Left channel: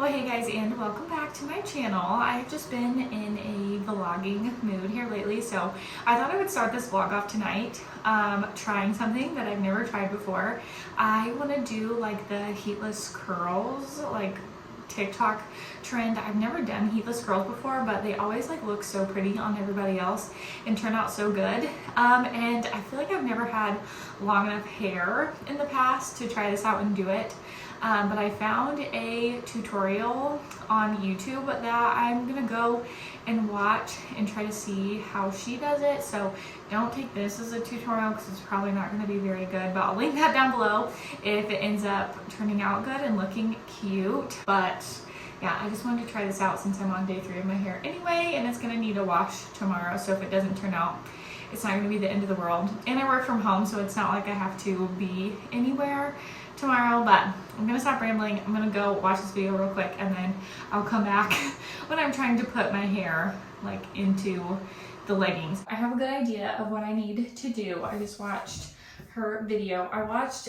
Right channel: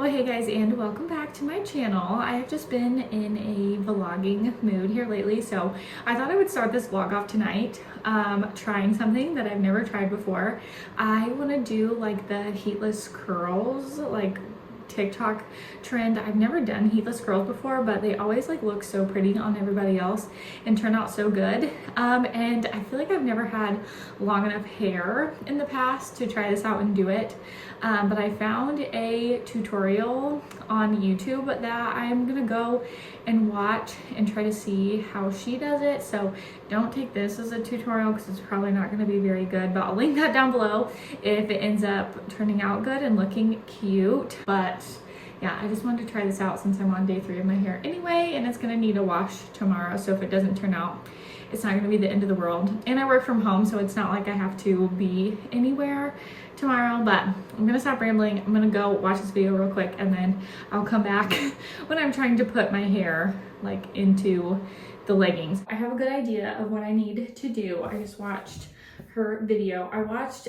Well, hey guys, and welcome back to my channel. I have just been in a vlogging mood here lately, so I thought I would start this vlog off tonight trying something that I've never tried before. I want to do like the heatless curls, like TikTok trend. I've never done heatless curls before, but they always like look so pretty on everybody else and turn out so good. And I feel like I've never had long enough hair in the past to try this out and do it. But I found a tutorial on YouTube that I'm gonna go and watch and try to see how she does it. So don't take this as a tutorial because it's probably not gonna be very good, but I'll link that down below if it ends up turning out good and looking cute. But yeah, I just wanted to try this out since I'm on day 3 of my hair anyway, and it's gonna need a wash tomorrow. So if it doesn't turn out, it's not gonna be the end of the world. And I work from home, so it's not like I have to be anywhere tomorrow. But I'm gonna stop rambling. I'm gonna go watch this video real quick, and then I'll come back when I'm trying to put my hair like into the leggings. I have a good idea of what I need to do. I just watched her video. I watched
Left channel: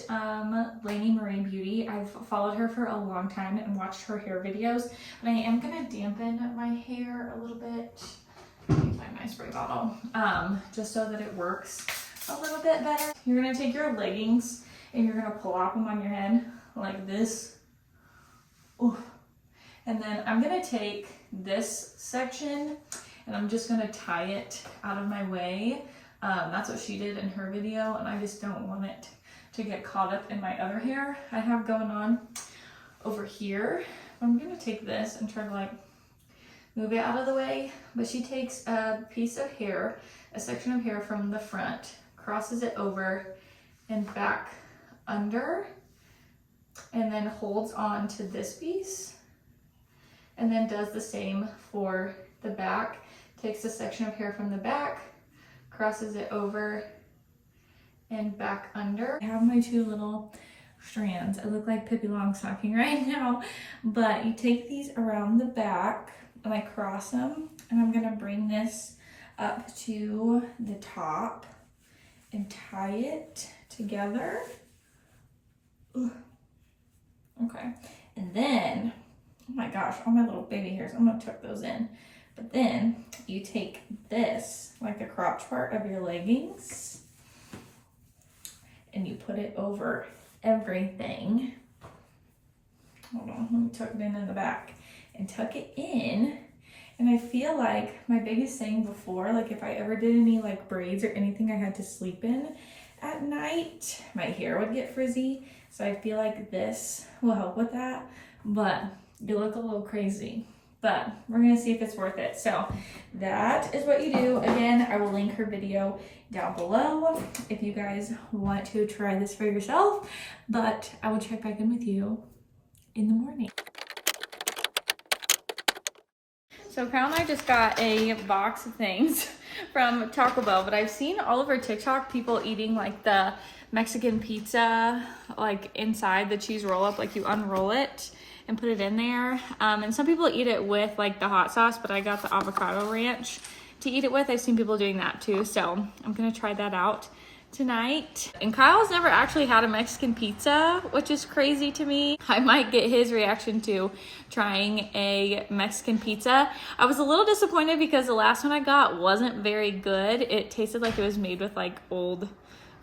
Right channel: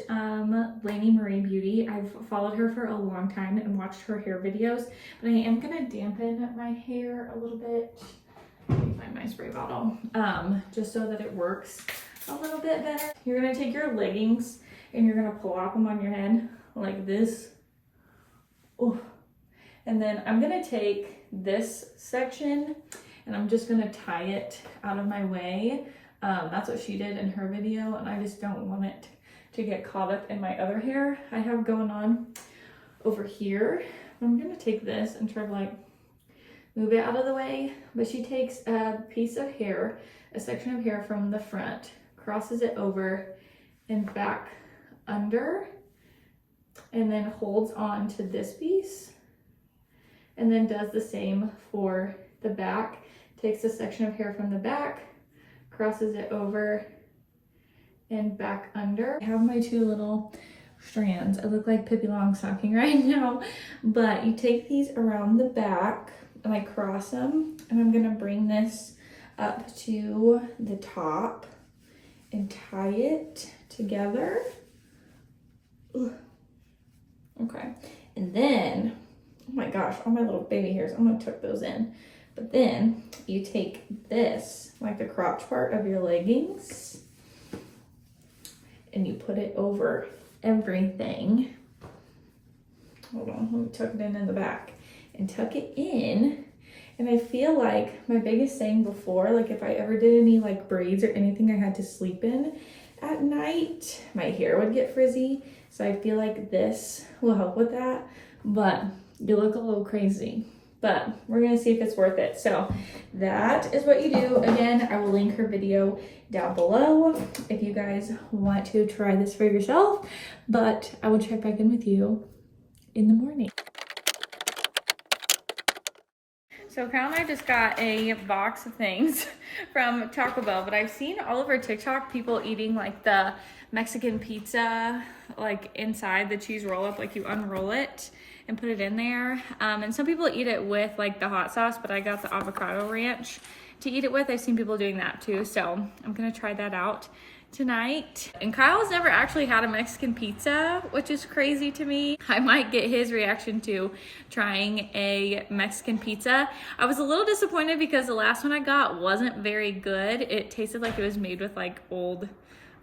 Lainey Marie Beauty. I've followed her for a long time and watched her hair videos, but I am gonna dampen my hair a little bit. Let me find my spray bottle, just so that it works a little bit better. You're gonna take your leggings and you're gonna plop them on your head like this. Ooh. And then I'm gonna take this section and I'm just gonna tie it out of my way. That's what she did in her video, and I just don't want it to get caught up in my other hair I have going on over here. I'm gonna take this and try to like move it out of the way, but she takes a piece of hair, a section of hair from the front, crosses it over and back under, and then holds on to this piece, and then does the same for the back. Takes a section of hair from the back, crosses it over and back under. I have my 2 little strands. I look like Pippi Longstocking right now, but you take these around the back and I cross them, and I'm gonna bring this up to the top and tie it together. Ugh. Okay, and then, oh my gosh, all my little baby hairs, I'm gonna tuck those in. But then you take this, like the crotch part of your leggings, and you put it over everything. Hold on, let me tuck it in the back and tuck it in. And I feel like my biggest thing before, like if I ever did any like braids or anything I had to sleep in at night, my hair would get frizzy. So I feel like this will help with that, but you look a little crazy. But we're gonna see if it's worth it. So that is what you do. Again, I will link her video down below if you guys want to try this for yourself, but I will check back in with you in the morning. So Kyle and I just got a box of things from Taco Bell, but I've seen all over TikTok people eating like the Mexican pizza, like inside the cheese roll up, like you unroll it and put it in there. And some people eat it with like the hot sauce, but I got the avocado ranch to eat it with. I've seen people doing that too. So I'm gonna try that out tonight. And Kyle's never actually had a Mexican pizza, which is crazy to me. I might get his reaction to trying a Mexican pizza. I was a little disappointed because the last one I got wasn't very good. It tasted like it was made with like old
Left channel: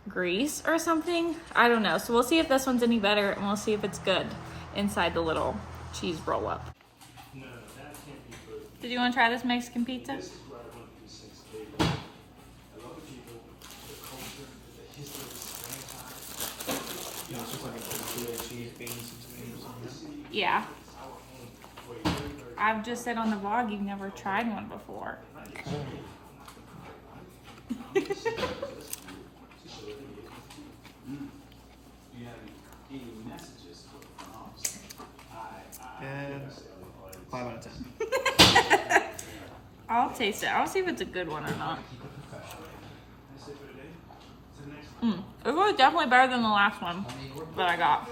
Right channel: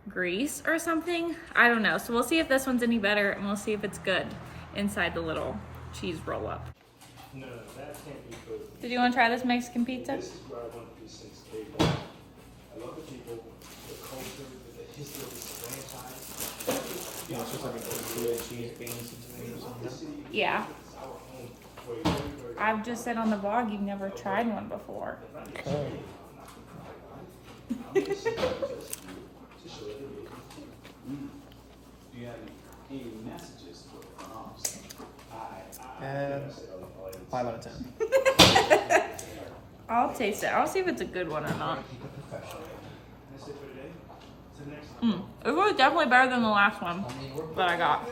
grease or something. I don't know. So we'll see if this one's any better, and we'll see if it's good inside the little cheese roll up. No, that can't be good. Did you want to try this Mexican pizza? This is where I want these things to be. I love the people, the culture, the history of this franchise. You know, it's just like a tortilla, cheese, beans, and tomatoes or something. Yeah. I've just said on the vlog you've never tried one before. Do you have any messages for the front office? And 5 out of 10. I'll taste it. I'll see if it's a good one or not. It was definitely better than the last one that I got.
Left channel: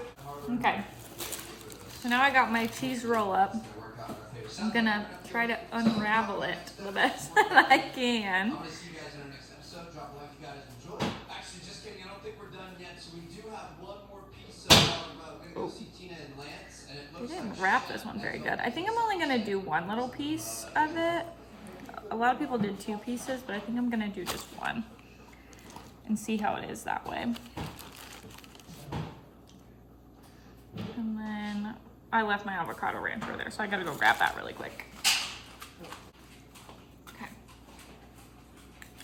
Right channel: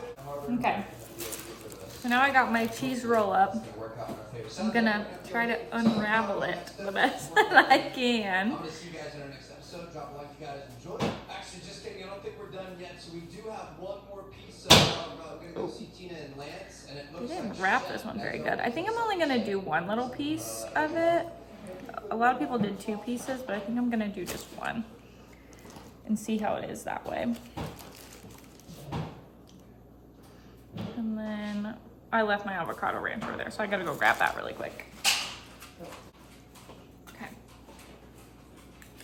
Okay. So now I got my cheese roll up. I'm gonna try to unravel it the best that I can. Actually, just kidding. I don't think we're done yet. So we do have one more piece of. We're gonna go see Tina and Lance, and They didn't wrap this one very good. I think I'm only gonna do one little piece of it. A lot of people did 2 pieces, but I think I'm gonna do just one and see how it is that way. And then I left my avocado ranch over there, so I gotta go grab that really quick. Okay.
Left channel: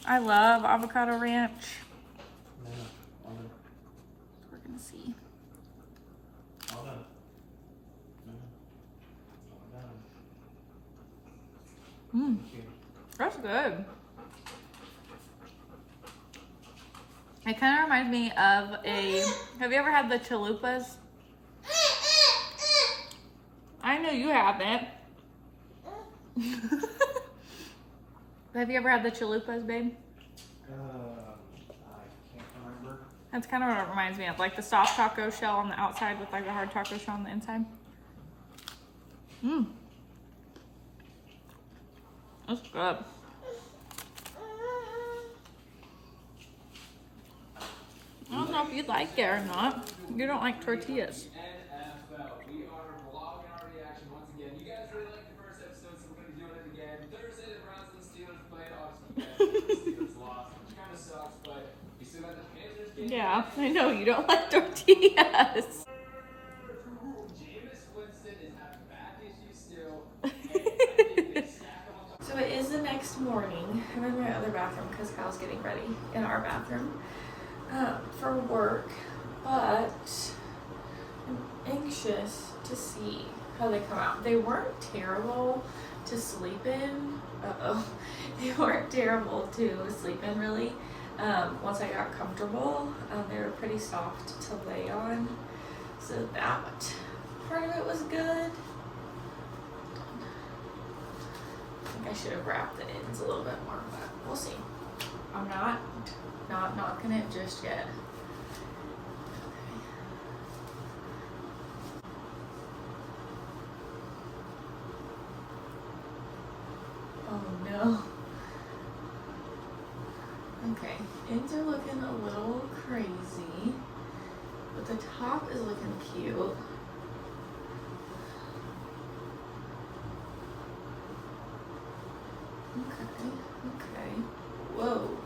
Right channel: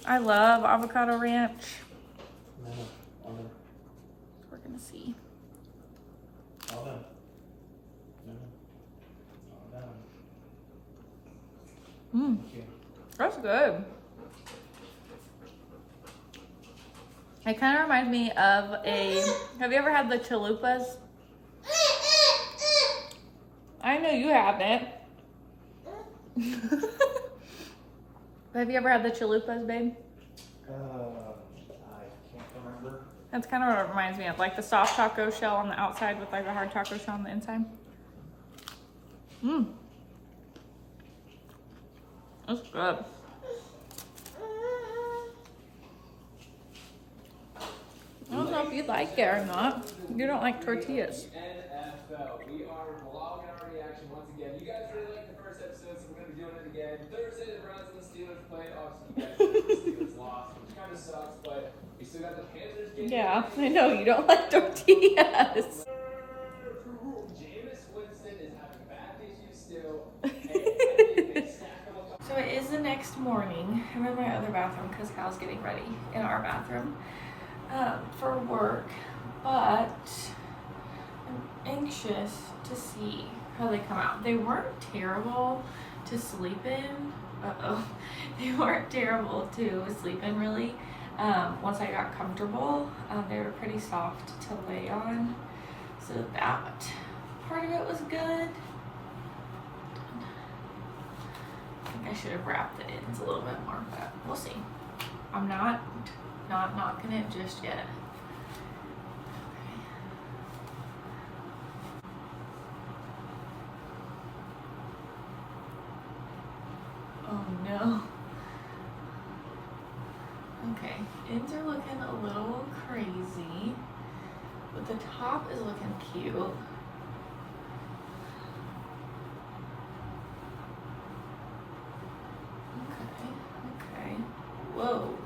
I love avocado ranch. We're gonna see. Mmm, that's good. It kind of reminds me of have you ever had the chalupas? I know you haven't. Have you ever had the chalupas, babe? I can't remember. That's kind of what it reminds me of, like the soft taco shell on the outside with like the hard taco shell on the inside. Mmm. That's good. I don't know if you like it or not. You don't like tortillas. NFL. We are vlogging our reaction once again. You guys really liked the first episode, so we're going to be doing it again. Thursday, the Browns and the Steelers played. Obviously, the Steelers lost, which kind of sucks, but we still got the Panthers game. Yeah, I know you don't like tortillas. Jameis Winston is having back issues still. So it is the next morning. I'm in my other bathroom because Cal's getting ready in our bathroom for work, but I'm anxious to see how they come out. They weren't terrible to sleep in. They weren't terrible to sleep in really. Once I got comfortable, they were pretty soft to lay on. So that part of it was good. I should have wrapped the ends a little bit more, but we'll see. I'm not knocking it just yet. Okay. Oh no. Okay, ends are looking a little crazy, but the top is looking cute. Okay. Whoa.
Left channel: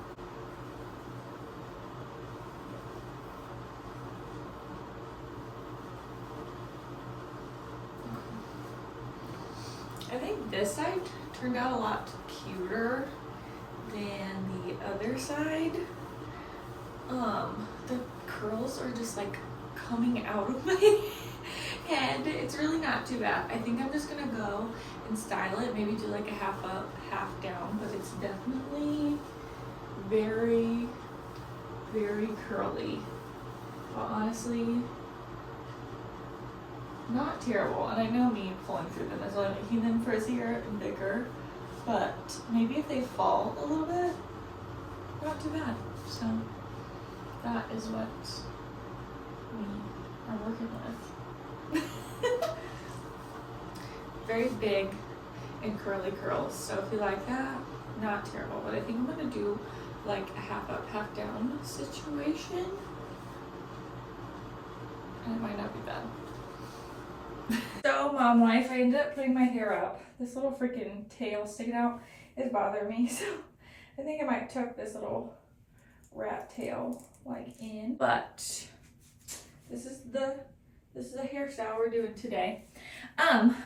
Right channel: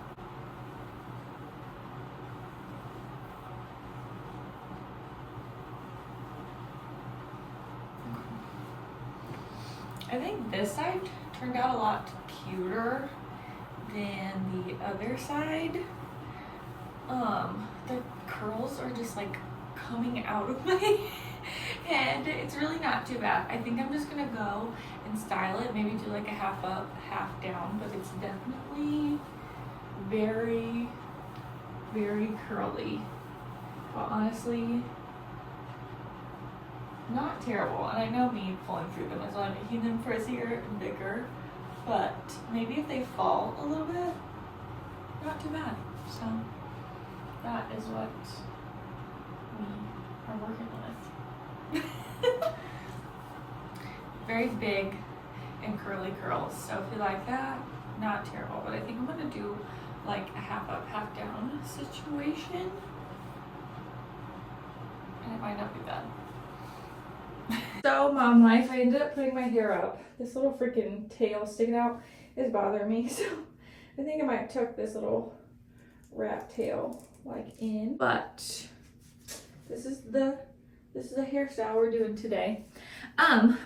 I think this side turned out a lot cuter than the other side. The curls are just like coming out of my head. It's really not too bad. I think I'm just gonna go and style it, maybe do like a half up, half down, but it's definitely very, very curly. But honestly, not terrible. And I know me pulling through them is why I'm making them frizzier and bigger, but maybe if they fall a little bit, not too bad. So that is what we are working with. Very big and curly curls, so if you like that, not terrible, but I think I'm gonna do like a half up, half down situation, and it might not be bad. So mom life, I ended up putting my hair up. This little freaking tail sticking out is bothering me, so I think I might tuck this little rat tail like in, but this is the hairstyle we're doing today.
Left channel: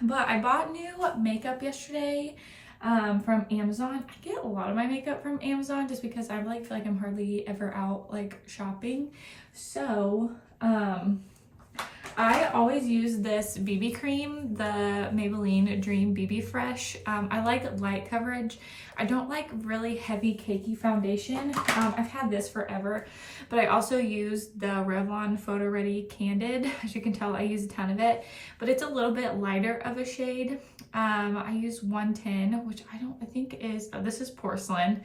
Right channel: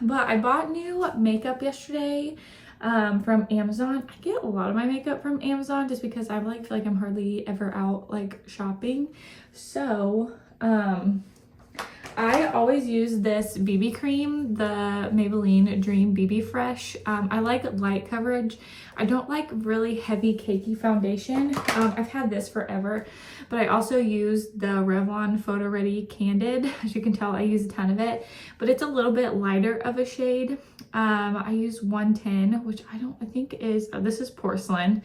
But I bought new makeup yesterday from Amazon. I get a lot of my makeup from Amazon just because I like feel like I'm hardly ever out like shopping. So I always use this BB cream, the Maybelline Dream BB Fresh. I like light coverage. I don't like really heavy cakey foundation. I've had this forever, but I also use the Revlon Photo Ready Candid. As you can tell, I use a ton of it, but it's a little bit lighter of a shade. I use 110, which I think is, this is porcelain.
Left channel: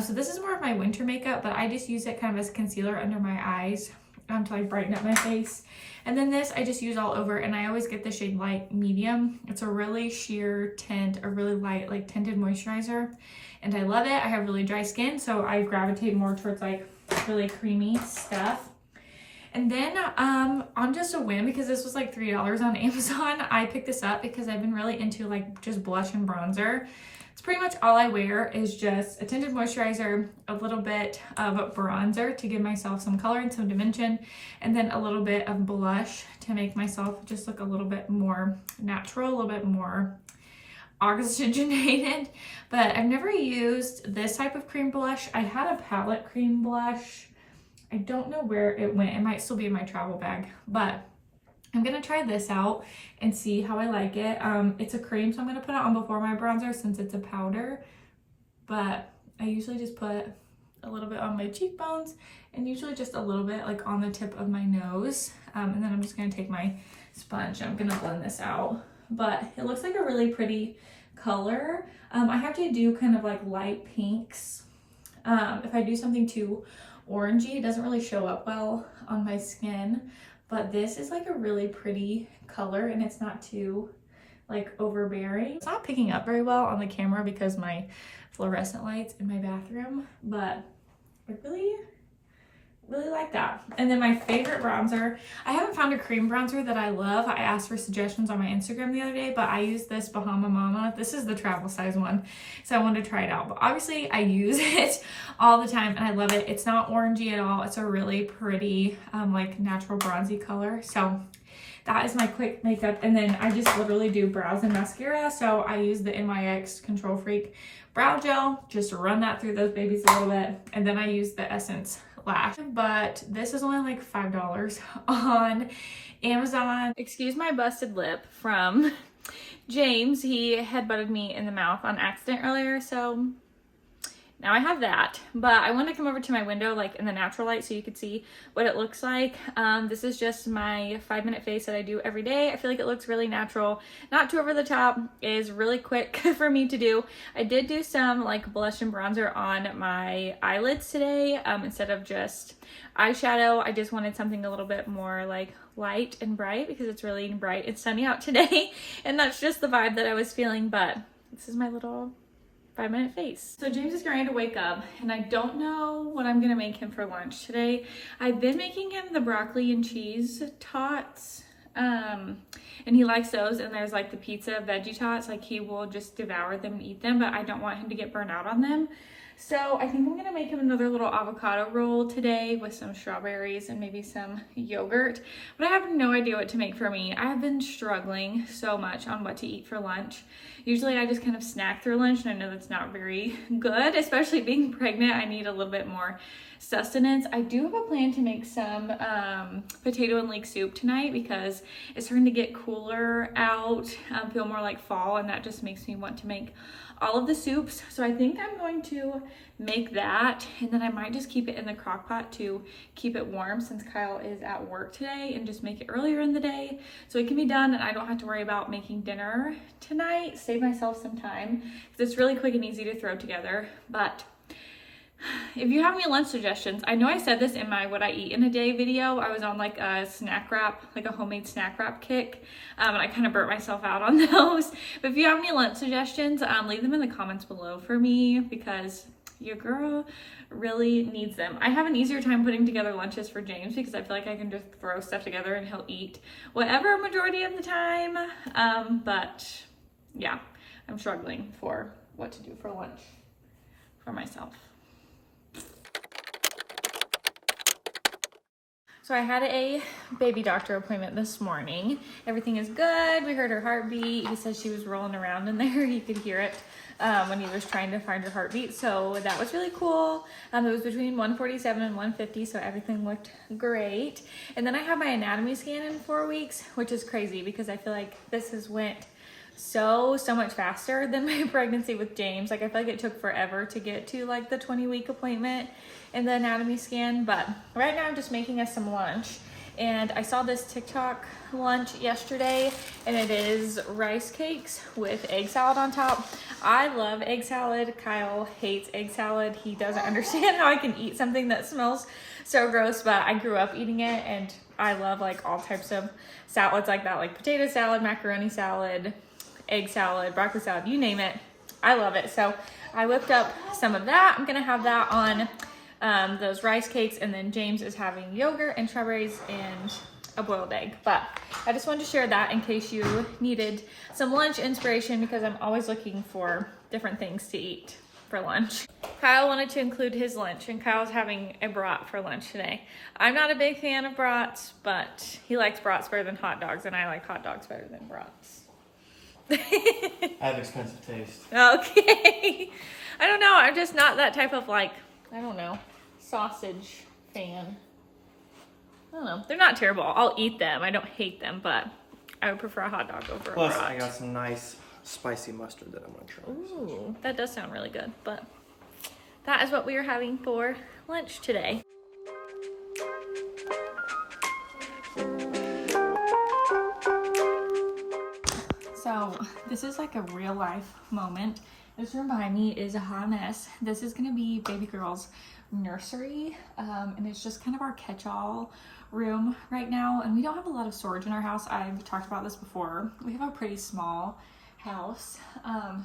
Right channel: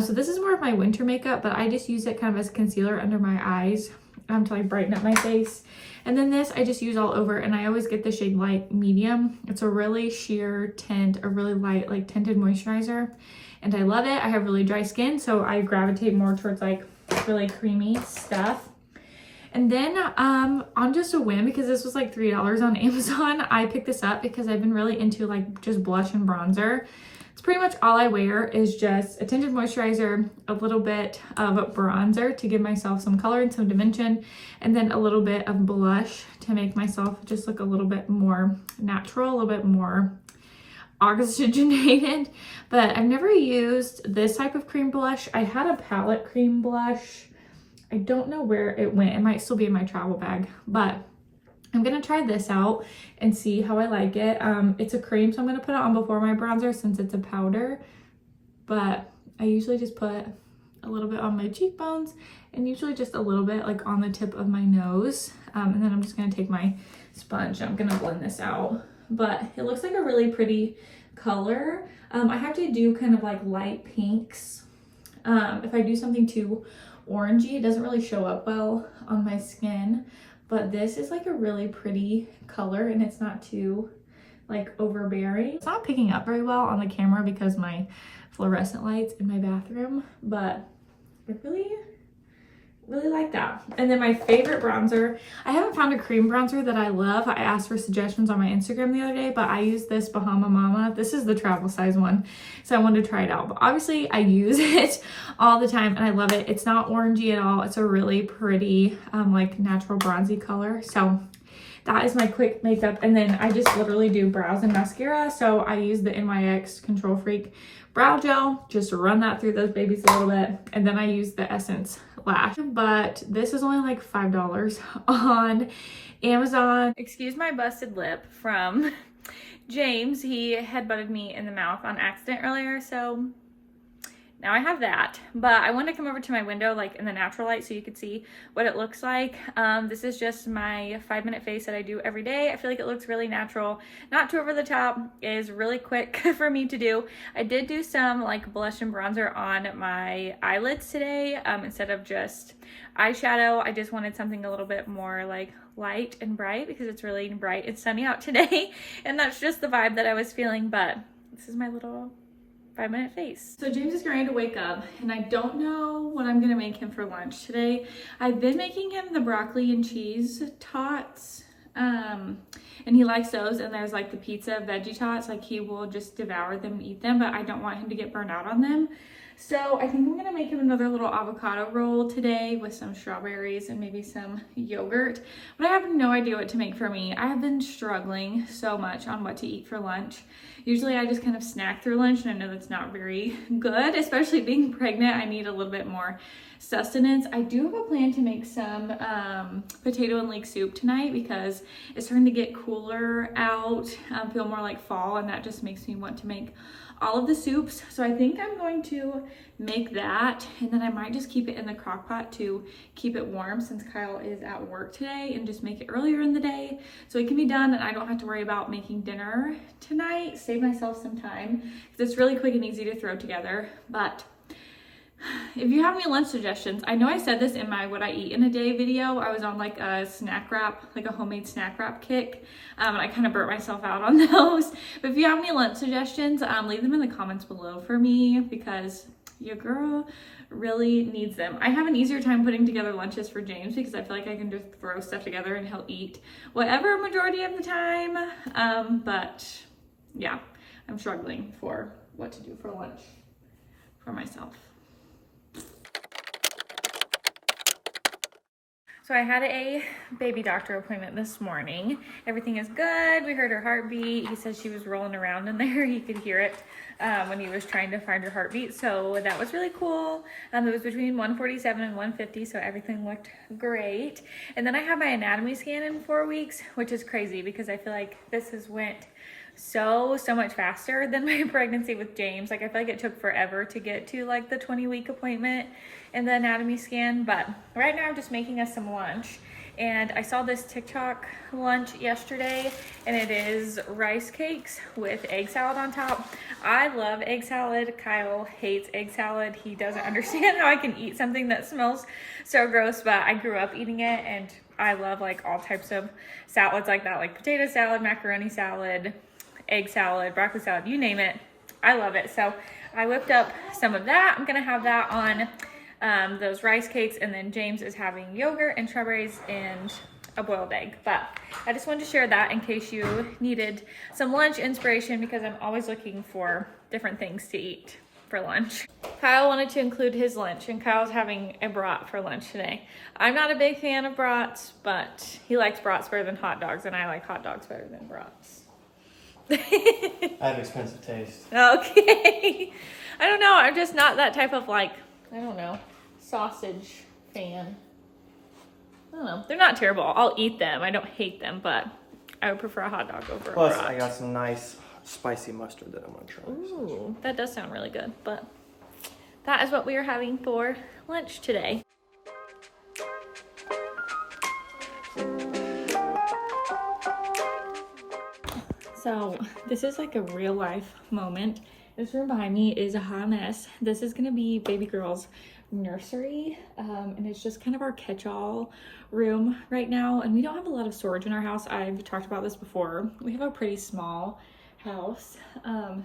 So this is more of my winter makeup, but I just use it kind of as concealer under my eyes to like brighten up my face. And then this I just use all over, and I always get the shade light medium. It's a really sheer tint, a really light like tinted moisturizer, and I love it. I have really dry skin, so I gravitate more towards like really creamy stuff. And then on just a whim, because this was like $3 on Amazon, I picked this up because I've been really into like just blush and bronzer. It's pretty much all I wear is just a tinted moisturizer, a little bit of bronzer to give myself some color and some dimension, and then a little bit of blush to make myself just look a little bit more natural, a little bit more oxygenated. But I've never used this type of cream blush. I had a palette cream blush. I don't know where it went. It might still be in my travel bag, but I'm gonna try this out and see how I like it. It's a cream, so I'm gonna put it on before my bronzer since it's a powder, but I usually just put a little bit on my cheekbones and usually just a little bit like on the tip of my nose. And then I'm just gonna take my sponge and I'm gonna blend this out. But it looks like a really pretty color. I have to do kind of like light pinks. If I do something too orangey, it doesn't really show up well on my skin. But this is like a really pretty color and it's not too like overbearing. It's not picking up very well on the camera because my fluorescent lights in my bathroom, but I really like that. And then my favorite bronzer, I haven't found a cream bronzer that I love. I asked for suggestions on my Instagram the other day, but I use this Bahama Mama. This is the travel size one, so I wanted to try it out. But obviously I use it all the time and I love it. It's not orangey at all. It's a really pretty like natural bronzy color. So that is my quick makeup. And then I just literally do brows and mascara. So I use the NYX Control Freak brow gel just to run that through those babies a little bit. And then I use the Essence lash, but this is only like $5 on Amazon. Excuse my busted lip from James. He headbutted me in the mouth on accident earlier, so now I have that. But I wanted to come over to my window like in the natural light so you could see what it looks like. This is just my 5-minute face that I do every day. I feel like it looks really natural, not too over the top, is really quick for me to do. I did do some like blush and bronzer on my eyelids today instead of just eyeshadow. I just wanted something a little bit more like light and bright because it's really bright and sunny out today and that's just the vibe that I was feeling. But this is my little 5-minute face. So James is getting ready to wake up and I don't know what I'm gonna make him for lunch today. I've been making him the broccoli and cheese tots and he likes those, and there's like the pizza veggie tots, like he will just devour them and eat them, but I don't want him to get burnt out on them. So I think I'm gonna make him another little avocado roll today with some strawberries and maybe some yogurt, but I have no idea what to make for me. I have been struggling so much on what to eat for lunch. Usually I just kind of snack through lunch, and I know that's not very good, especially being pregnant. I need a little bit more sustenance. I do have a plan to make some potato and leek soup tonight because it's starting to get cooler out, feel more like fall, and that just makes me want to make all of the soups. So I think I'm going to make that, and then I might just keep it in the crock pot to keep it warm since Kyle is at work today, and just make it earlier in the day so it can be done and I don't have to worry about making dinner tonight. Save myself some time because it's really quick and easy to throw together. But if you have any lunch suggestions, I know I said this in my what I eat in a day video. I was on like a snack wrap, like a homemade snack wrap kick, and I kind of burnt myself out on those. But if you have any lunch suggestions, leave them in the comments below for me because your girl really needs them. I have an easier time putting together lunches for James because I feel like I can just throw stuff together and he'll eat whatever majority of the time. But yeah, I'm struggling for what to do for lunch for myself. So I had a baby doctor appointment this morning. Everything is good. We heard her heartbeat. He said she was rolling around in there. He could hear it when he was trying to find her heartbeat. So that was really cool. It was between 147 and 150, so everything looked great. And then I had my anatomy scan in 4 weeks, which is crazy because I feel like this has went so much faster than my pregnancy with James. Like I feel like it took forever to get to like the 20-week appointment and the anatomy scan. But right now I'm just making us some lunch, and I saw this TikTok lunch yesterday, and it is rice cakes with egg salad on top. I love egg salad. Kyle hates egg salad. He doesn't understand how I can eat something that smells so gross, but I grew up eating it and I love like all types of salads like that, like potato salad, macaroni salad, egg salad, broccoli salad, you name it. I love it. So I whipped up some of that. I'm gonna have that on those rice cakes, and then James is having yogurt and strawberries and a boiled egg. But I just wanted to share that in case you needed some lunch inspiration, because I'm always looking for different things to eat for lunch. Kyle wanted to include his lunch, and Kyle's having a brat for lunch today. I'm not a big fan of brats, but he likes brats better than hot dogs, and I like hot dogs better than brats. I have expensive taste. Okay. I don't know. I'm just not that type of, like, I don't know, sausage fan. I don't know. They're not terrible. I'll eat them. I don't hate them, but I would prefer a hot dog over Plus, a brat. I got some nice spicy mustard that I'm gonna try. Ooh, that does sound really good. But that is what we are having for lunch today. So this is like a real life moment. This room behind me is a hot mess. This is gonna be baby girl's nursery, and it's just kind of our catch-all room right now. And we don't have a lot of storage in our house. I've talked about this before. We have a pretty small house,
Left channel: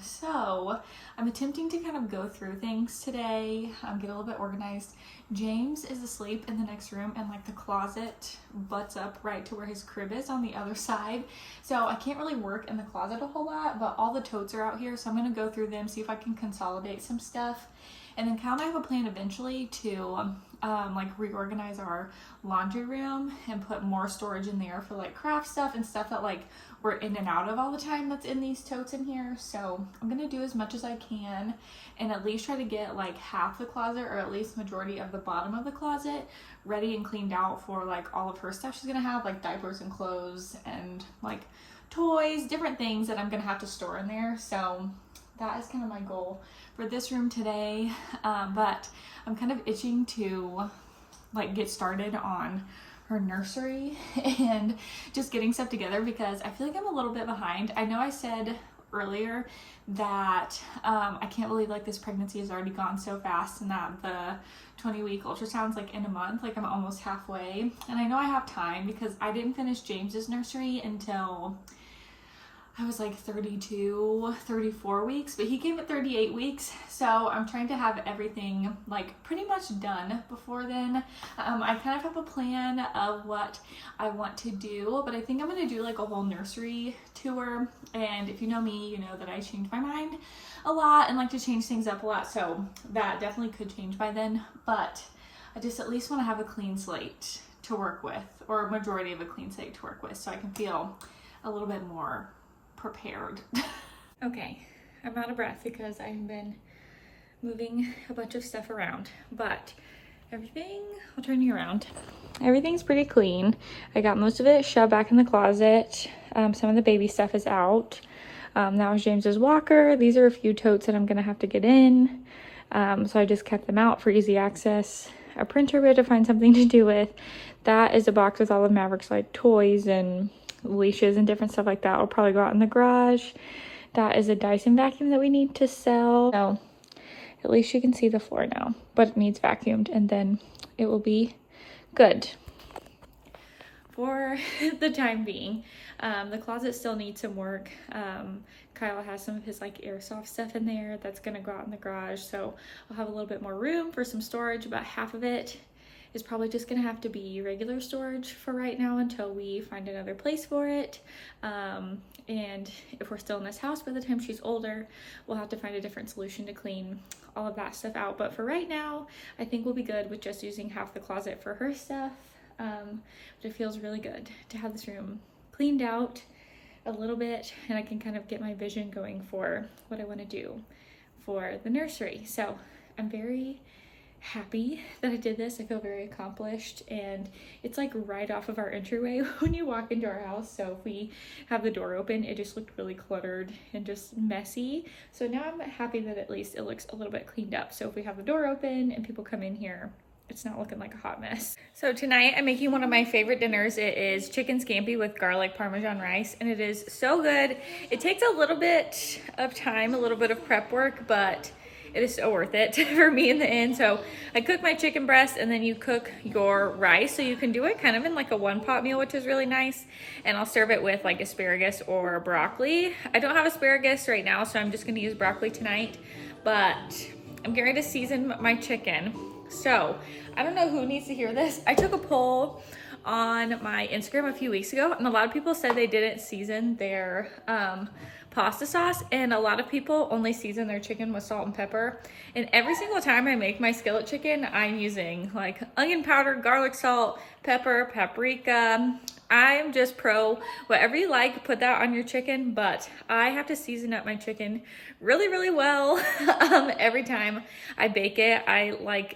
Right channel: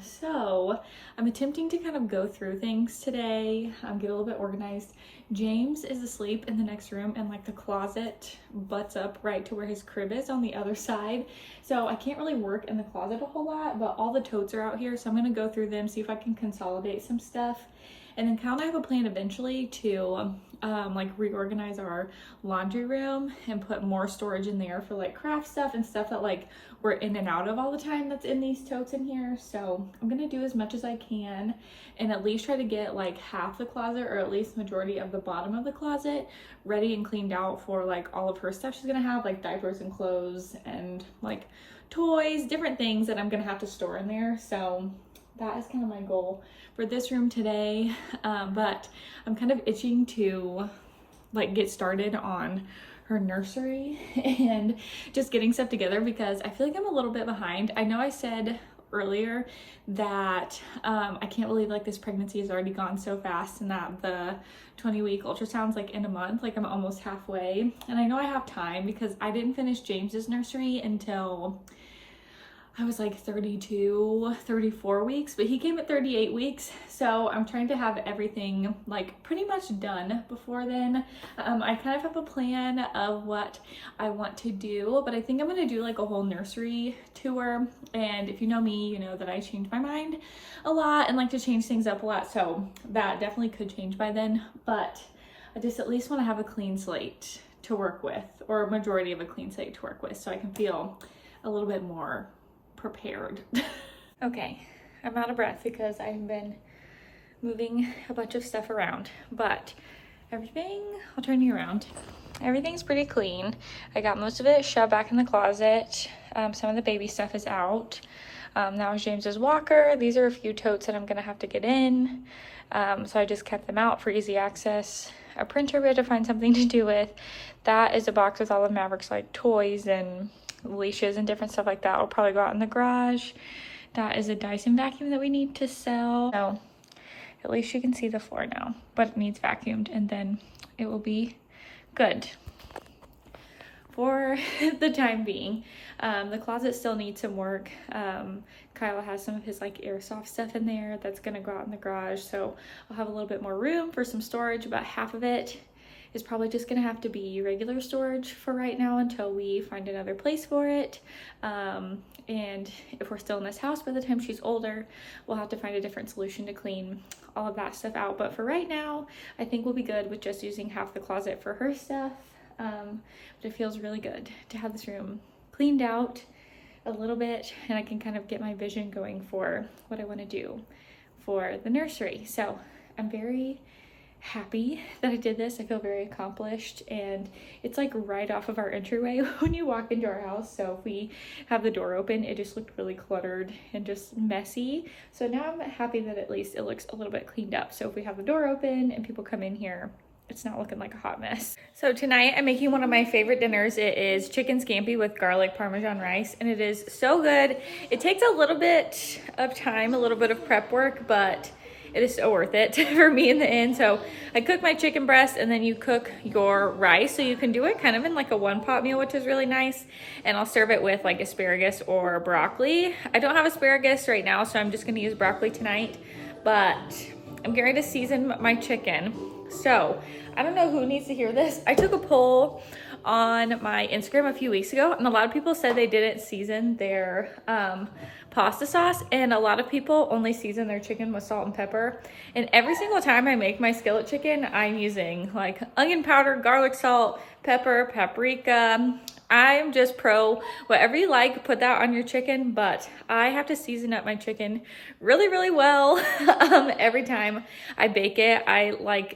so I'm attempting to kind of go through things today, get a little bit organized. James is asleep in the next room, and like the closet butts up right to where his crib is on the other side, so I can't really work in the closet a whole lot, but all the totes are out here, so I'm gonna go through them, see if I can consolidate some stuff. And then Kyle and I have a plan eventually to like reorganize our laundry room and put more storage in there for like craft stuff and stuff that like we're in and out of all the time that's in these totes in here. So I'm gonna do as much as I can and at least try to get like half the closet, or at least majority of the bottom of the closet, ready and cleaned out for like all of her stuff she's gonna have, like diapers and clothes and like toys, different things that I'm gonna have to store in there. So that is kind of my goal for this room today, but I'm kind of itching to like get started on her nursery and just getting stuff together, because I feel like I'm a little bit behind. I know I said earlier that I can't believe like this pregnancy has already gone so fast, and that the 20-week ultrasound's like in a month, like I'm almost halfway. And I know I have time because I didn't finish James's nursery until I was like 32, 34 weeks, but he came at 38 weeks. So I'm trying to have everything like pretty much done before then. I kind of have a plan of what I want to do, but I think I'm going to do like a whole nursery tour. And if you know me, you know that I change my mind a lot and like to change things up a lot. So that definitely could change by then, but I just at least want to have a clean slate to work with, or a majority of a clean slate to work with, so I can feel a little bit more prepared. Okay, I'm out of breath because I've been moving a bunch of stuff around, but everything, I'll turn you around. Everything's pretty clean. I got most of it shoved back in the closet. Some of the baby stuff is out. That was James's walker. These are a few totes that I'm gonna have to get in. So I just kept them out for easy access. A printer we had to find something to do with. That is a box with all of Maverick's like toys and leashes and different stuff like that. Will probably go out in the garage. That is a Dyson vacuum that we need to sell. So at least you can see the floor now, but it needs vacuumed, and then it will be good for the time being. The closet still needs some work. Kyle has some of his like airsoft stuff in there that's gonna go out in the garage, so I'll have a little bit more room for some storage. About half of it is probably just gonna have to be regular storage for right now until we find another place for it. And if we're still in this house by the time she's older, we'll have to find a different solution to clean all of that stuff out. But for right now, I think we'll be good with just using half the closet for her stuff. But it feels really good to have this room cleaned out a little bit, and I can kind of get my vision going for what I want to do for the nursery. So I'm very happy that I did this. I feel very accomplished, and it's like right off of our entryway when you walk into our house. So if we have the door open, it just looked really cluttered and just messy. So now I'm happy that at least it looks a little bit cleaned up. So if we have the door open and people come in here, it's not looking like a hot mess. So tonight I'm making one of my favorite dinners. It is chicken scampi with garlic parmesan rice, and it is so good. It takes a little bit of time, a little bit of prep work, but it is so worth it for me in the end. So I cook my chicken breast, and then you cook your rice. So you can do it kind of in like a one-pot meal, which is really nice. And I'll serve it with like asparagus or broccoli. I don't have asparagus right now, so I'm just gonna use broccoli tonight. But I'm getting ready to season my chicken. So I don't know who needs to hear this. I took a poll on my Instagram a few weeks ago, and a lot of people said they didn't season their pasta sauce, and a lot of people only season their chicken with salt and pepper. And every single time I make my skillet chicken, I'm using like onion powder, garlic salt, pepper, paprika. I'm just pro whatever you like, put that on your chicken, but I have to season up my chicken really, really well. Every time I bake it, I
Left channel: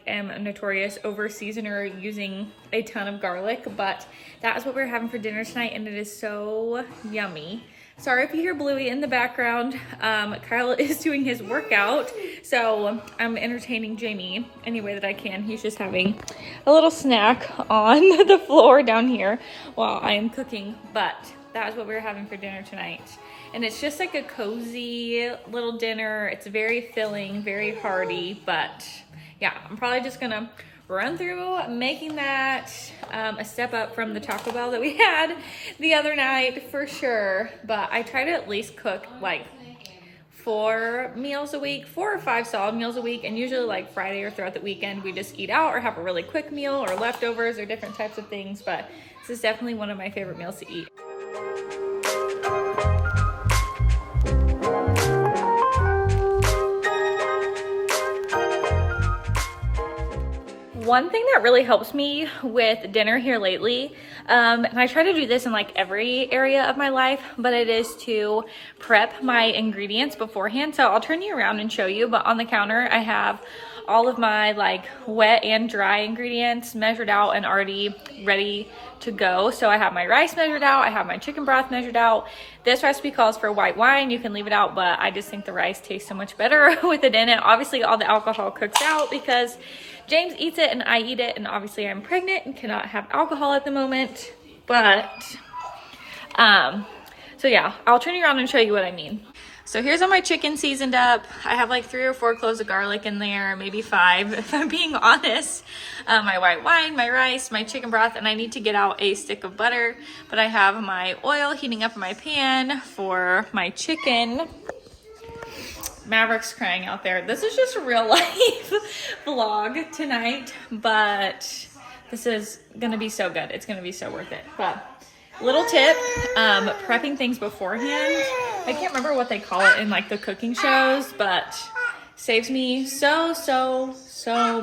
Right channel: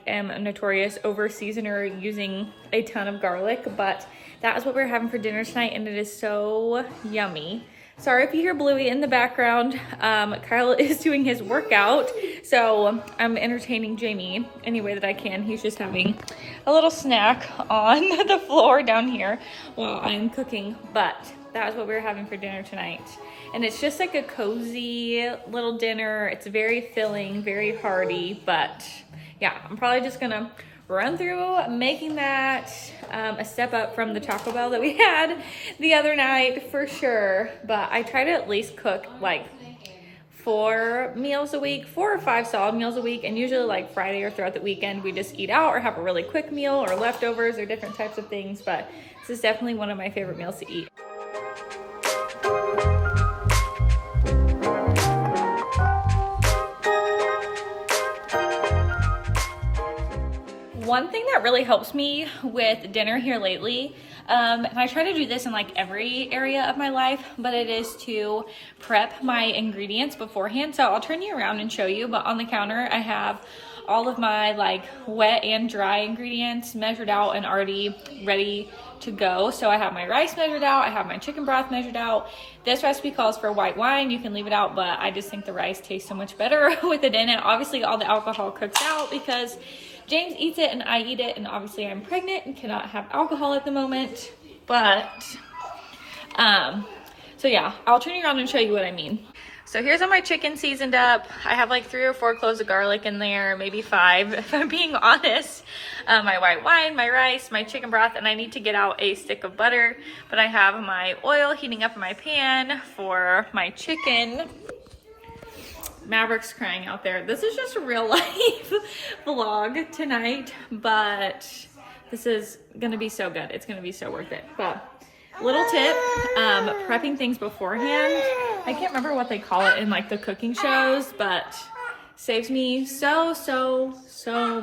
am a notorious over seasoner using a ton of garlic, but that is what we're having for dinner tonight, and it is so yummy. Sorry if you hear Bluey in the background. Kyle is doing his workout, so I'm entertaining Jamie any way that I can. He's just having a little snack on the floor down here while I'm cooking, but that is what we're having for dinner tonight. And it's just like a cozy little dinner. It's very filling, very hearty, but yeah, I'm probably just gonna run through making that a step up from the Taco Bell that we had the other night for sure. But I try to at least cook like 4 meals a week, 4 or 5 solid meals a week, and usually like Friday or throughout the weekend we just eat out or have a really quick meal or leftovers or different types of things. But this is definitely one of my favorite meals to eat. One thing that really helps me with dinner here lately, and I try to do this in like every area of my life, but it is to prep my ingredients beforehand. So I'll turn you around and show you, but on the counter I have all of my like wet and dry ingredients measured out and already ready to go. So I have my rice measured out, I have my chicken broth measured out. This recipe calls for white wine. You can leave it out, but I just think the rice tastes so much better with it in it. Obviously all the alcohol cooks out because James eats it and I eat it, and obviously I'm pregnant and cannot have alcohol at the moment. But so yeah, I'll turn you around and show you what I mean. So here's all my chicken seasoned up. I have like 3 or 4 cloves of garlic in there, maybe 5 if I'm being honest. My white wine, my rice, my chicken broth, and I need to get out a stick of butter. But I have my oil heating up in my pan for my chicken. Maverick's crying out there. This is just a real life vlog tonight, but this is gonna be so good. It's gonna be so worth it. But little tip, prepping things beforehand. I can't remember what they call it in like the cooking shows, but saves me so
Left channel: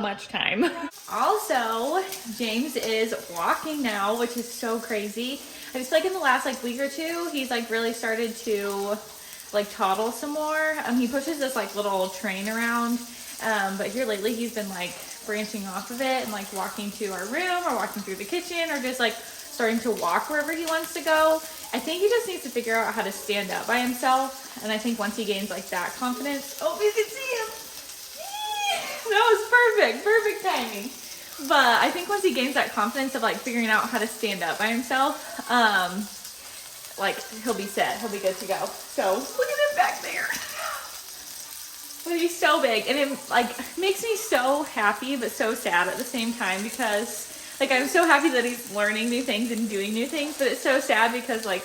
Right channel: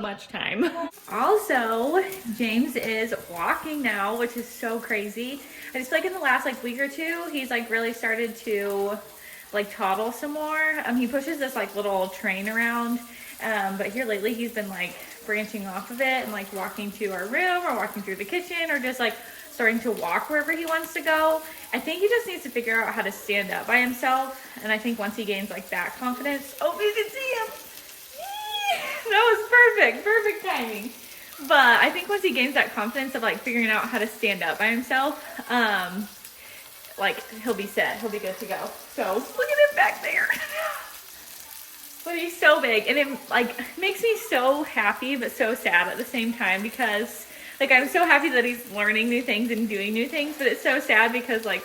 much time. Also, James is walking now, which is so crazy. I just feel like in the last like week or two, he's like really started to like toddle some more. He pushes this like little train around, but here lately he's been like branching off of it and like walking to our room or walking through the kitchen or just like starting to walk wherever he wants to go. I think he just needs to figure out how to stand up by himself, and I think once he gains like that confidence, oh, you can see him. That was perfect timing. But I think once he gains that confidence of like figuring out how to stand up by himself, like he'll be set, he'll be good to go. So look at him back there. But he's so big, and it like makes me so happy but so sad at the same time, because like I'm so happy that he's learning new things and doing new things, but it's so sad because like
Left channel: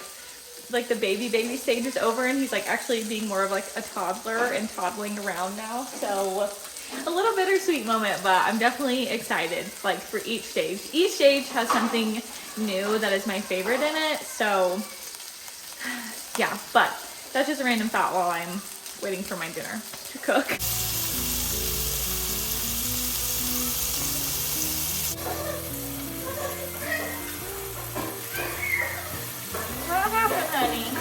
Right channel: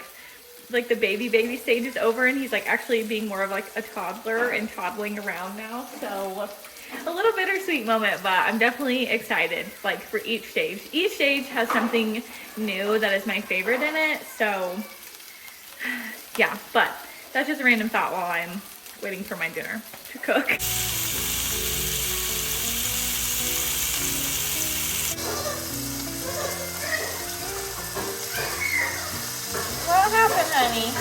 the baby stage is over and he's like actually being more of like a toddler and toddling around now. So a little bittersweet moment, but I'm definitely excited like for each stage. Each stage has something new that is my favorite in it. So yeah, but that's just a random thought while I'm waiting for my dinner to cook. What happened, honey?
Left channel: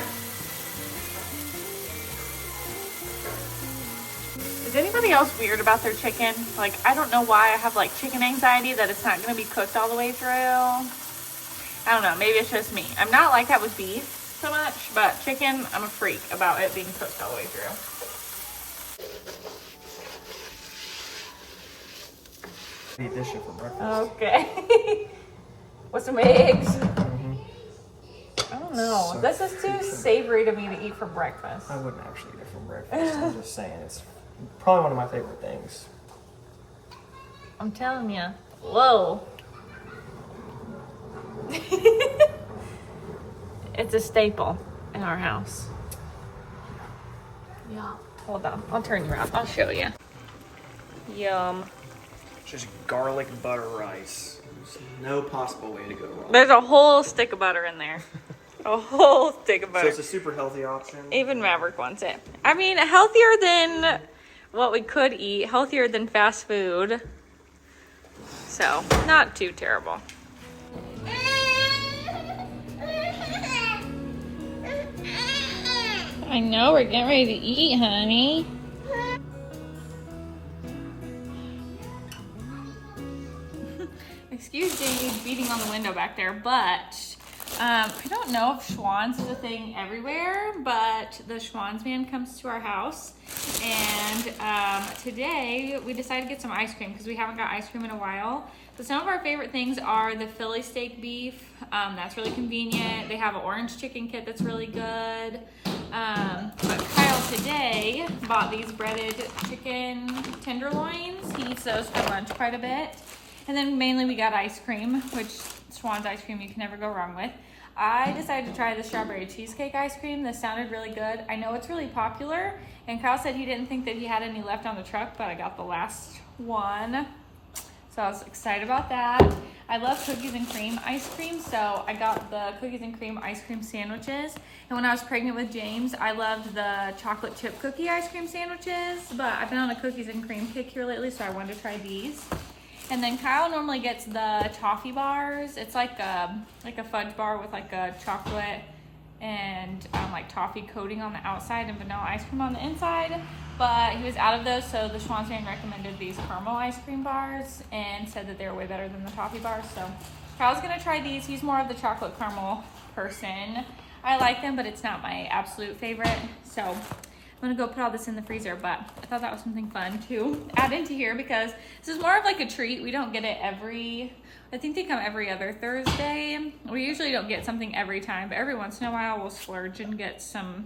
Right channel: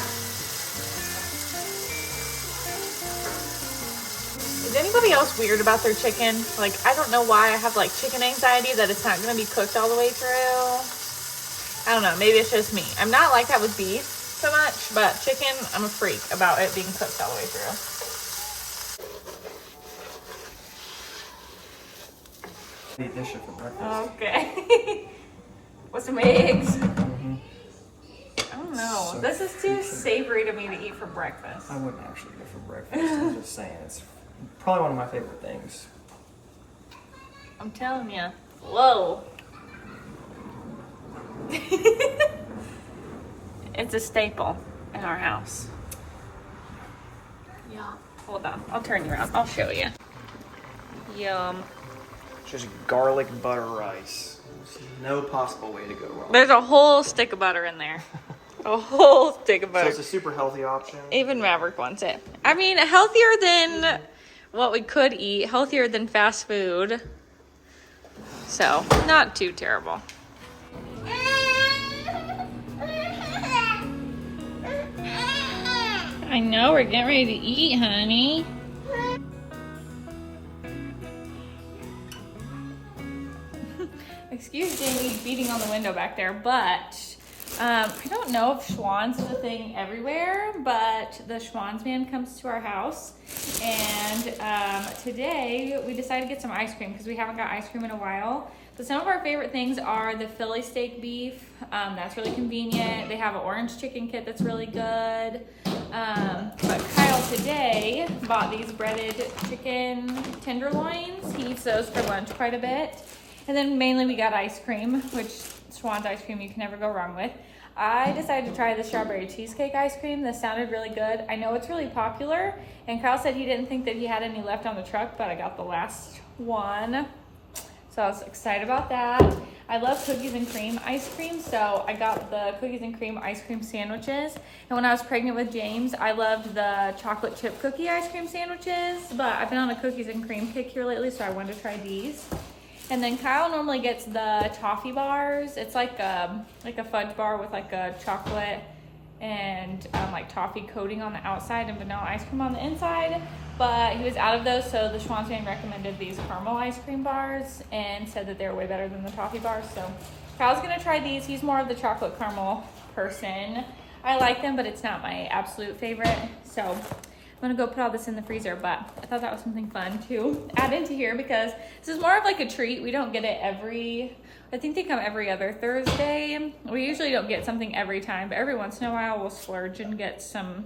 Is anybody else weird about their chicken? Like, I don't know why I have like chicken anxiety that it's not going to be cooked all the way through. I don't know, maybe it's just me. I'm not like that with beef so much, but chicken, I'm a freak about it being cooked all the way through. Eat this shit for breakfast. Okay. With some eggs. I don't know. So this is too savory to me to eat for breakfast. I wouldn't actually eat it for breakfast. I'm just saying, it's probably one of my favorite things. I'm telling you. Whoa. It's a staple in our house. Yeah. Hold on. I'll turn you around. I'll show you. Yum. Just garlic butter rice. There's no possible way to go wrong. There's a whole stick of butter in there. A whole stick of So butter. it's a super healthy option. Even Maverick wants it. I mean, healthier than what we could eat. Healthier than fast food. So, not too terrible. I know, we're getting ready to eat, honey. Excuse Jamie's beating on the window back there, but I don't know if Schwann's is a thing everywhere, but the Schwann's man comes to our house, and today we decided to get some ice cream because we haven't got ice cream in a while. So some of our favorite things are the Philly steak beef. That's really convenient. They have an orange chicken kit that's really good. But Kyle today bought these breaded chicken tenderloins. He eats those for lunch quite a bit. And then mainly we got ice cream, which Schwann's ice cream you can never go wrong with. I decided to try the strawberry cheesecake ice cream. This sounded really good. I know it's really popular, and Kyle said he didn't think that he had any left on the truck, but I got the last one. So I was excited about that. I love cookies and cream ice cream, so I got the cookies and cream ice cream sandwiches. And when I was pregnant with James, I loved the chocolate chip cookie ice cream sandwiches, but I've been on a cookies and cream kick here lately, so I wanted to try these. And then Kyle normally gets the toffee bars. It's like a fudge bar with like a chocolate and like toffee coating on the outside and vanilla ice cream on the inside. But he was out of those, so the Schwann's man recommended these caramel ice cream bars and said that they were way better than the toffee bars. So Kyle's gonna try these. He's more of the chocolate caramel person. I like them, but it's not my absolute favorite. So I'm gonna go put all this in the freezer, but I thought that was something fun to add into here because this is more of like a treat. We don't get it I think they come every other Thursday. We usually don't get something every time, but every once in a while we'll splurge and get some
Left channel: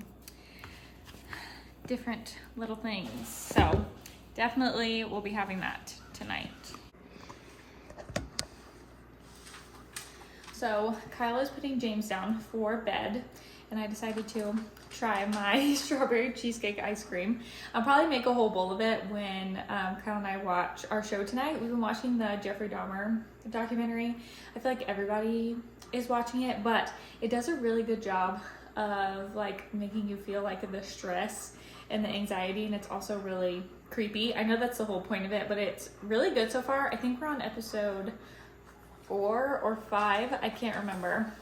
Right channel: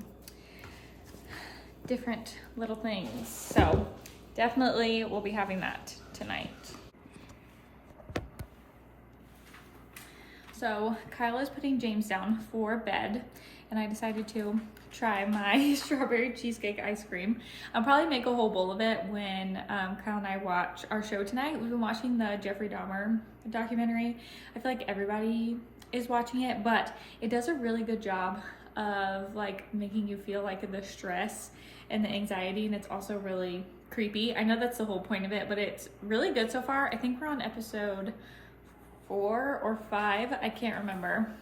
different little things. So definitely we'll be having that tonight. So Kyle is putting James down for bed, and I decided to try my strawberry cheesecake ice cream. I'll probably make a whole bowl of it when Kyle and I watch our show tonight. We've been watching the Jeffrey Dahmer documentary. I feel like everybody is watching it, but it does a really good job of like making you feel like the stress and the anxiety, and it's also really creepy. I know that's the whole point of it, but it's really good so far. I think we're on episode 4 or 5, I can't remember.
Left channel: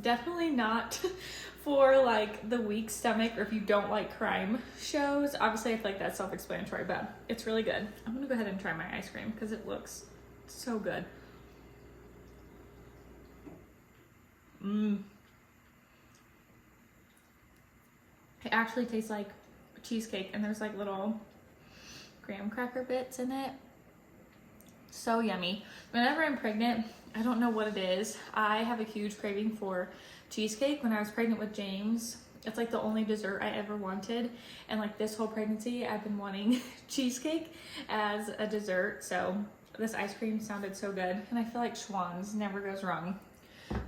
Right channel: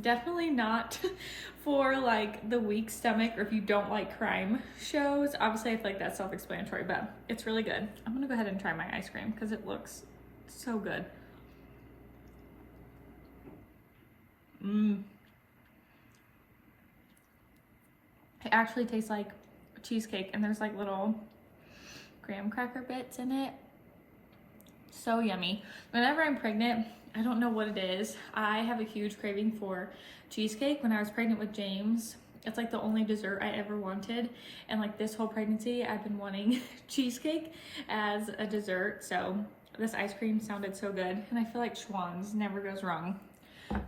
Definitely not for like the weak stomach or if you don't like crime shows. Obviously I feel like that's self-explanatory, but it's really good. I'm gonna go ahead and try my ice cream because it looks so good. It actually tastes like cheesecake, and there's like little graham cracker bits in it. So yummy. Whenever I'm pregnant, I don't know what it is, I have a huge craving for cheesecake. When I was pregnant with James, it's like the only dessert I ever wanted, and like this whole pregnancy I've been wanting cheesecake as a dessert. So this ice cream sounded so good, and I feel like Schwann's never goes wrong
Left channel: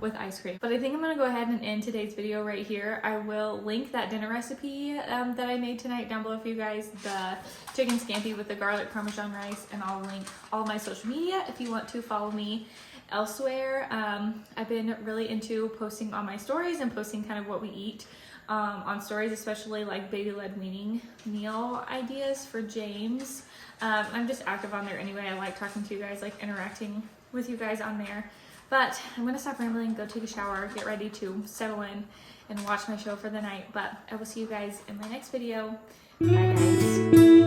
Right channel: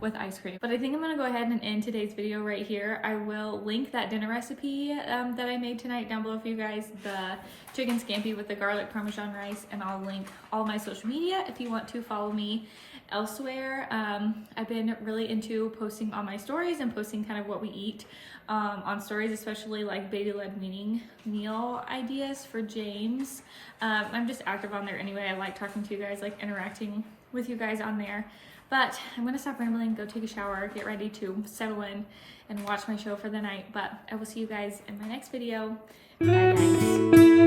with ice cream. But I think I'm gonna go ahead and end today's video right here. I will link that dinner recipe that I made tonight down below for you guys, the chicken scampi with the garlic parmesan rice, and I'll link all my social media if you want to follow me elsewhere. I've been really into posting on my stories and posting kind of what we eat on stories, especially like baby-led weaning meal ideas for James. I'm just active on there anyway. I like talking to you guys, like interacting with you guys on there. But I'm gonna stop rambling, go take a shower, get ready to settle in and watch my show for the night. But I will see you guys in my next video. Bye guys.